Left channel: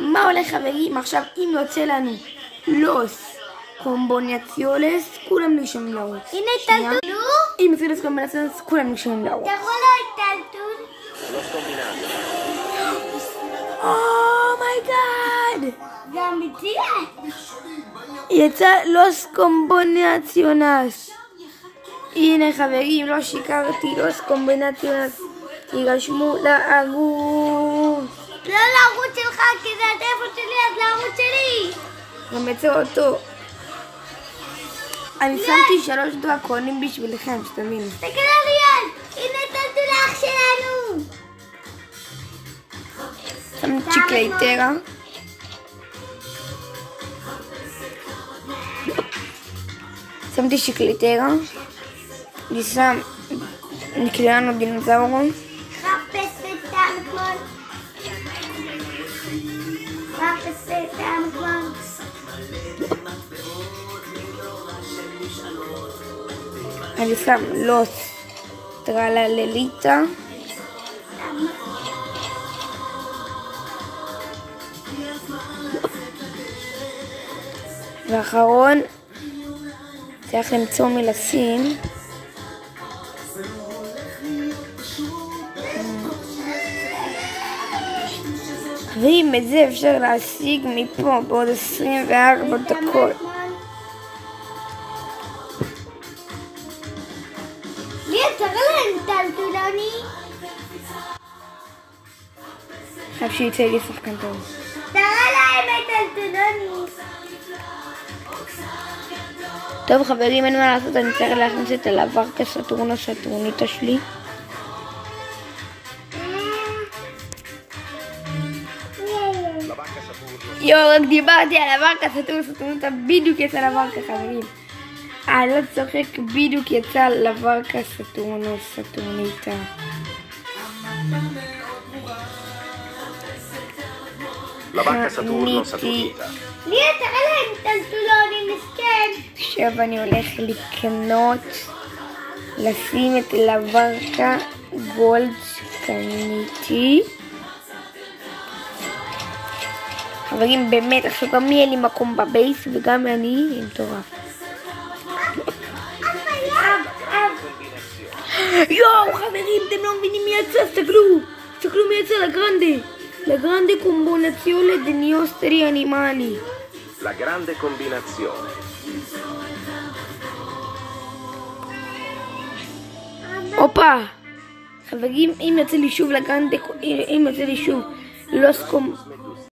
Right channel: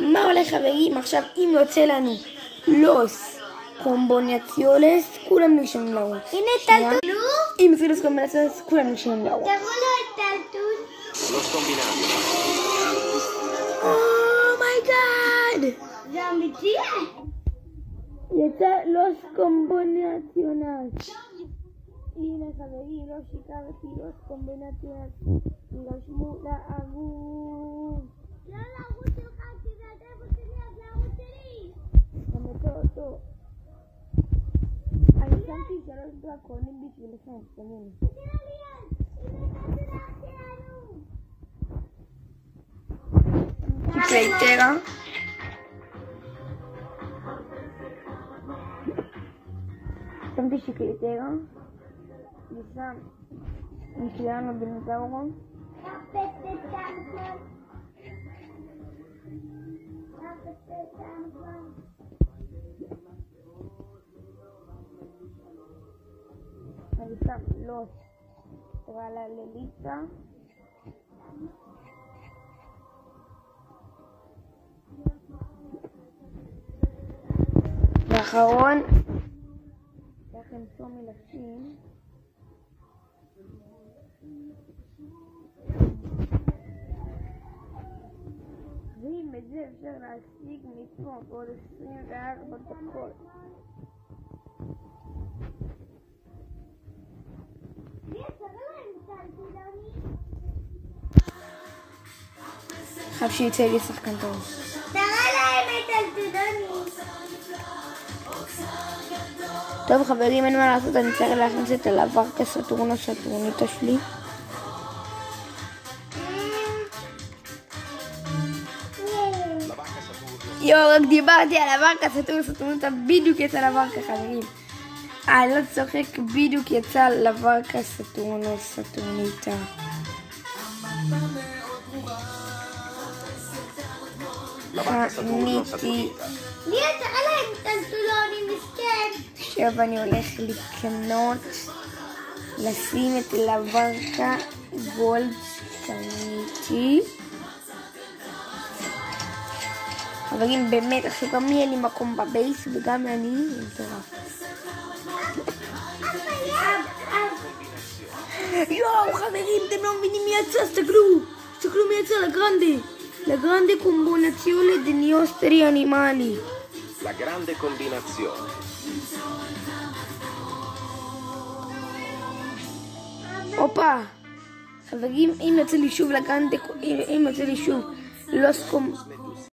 מה הולך חברים? עכשיו אם יוצא לנו לוס קומבינציונס, כולם נרשמים לרוץ. הנה טלטול. אם יוצא לוס קומבינציונס, כולם נרשמים לרוץ. תראו לו טלטול. אומייגאד! זה אמיתי? יצא לוס קומבינציונס. הנה חברים, לא שיקרתי, לוס קומבינציונס. יירשמו לערוץ. לא לערוץ שלך, כי זה הטלפון שלי, אז לערוץ שלי. גם יצא אותו. אני שמתי 3 דרקונים בשבילכם, שתבינו. תקרא ליאל, הנה טלטול אח שלנו. שמתי צ'יקלייטרה. שמתי צ'יקלייטרה. אני שם נקלענו דינוזאורון. חפש את המקום. חפש את המקום. אני שם לוס טרלליטה. ואחרון צריך למצוא מלשים. ואם את זה אפשר להשיג מפה בעוד 24 דקות. ליאל, תראה להם טלטולוני. חייב שיצא לי שחקן טוב. תראה להם את טלטולוני. טוב חברים, אין מה לעשות, אני צריך להכניס את הלוורקה סטורניטה שלי. יואו, רק דיברתי על הוורקה סטורניטה, בדיוק יצא לוורקה חברים. אני לא צוחק, בדיוק יצא לוורקה סטורניטה. קניתי. ליאל, תראה להם טלטולוני מסכן. עכשיו אני הולך לקנות, לשים את לוורקה גולד שקניתי. חברים, באמת, עכשיו גם יהיה לי מקום בבייס וגם אני מטורף. יואו חברים, אתם לא מבינים מי יצא, תסתכלו מי יצא, la grande combinazione dei nostri animali. La grande combinazione. הופה, חברים, אם יוצא לי שוב לוס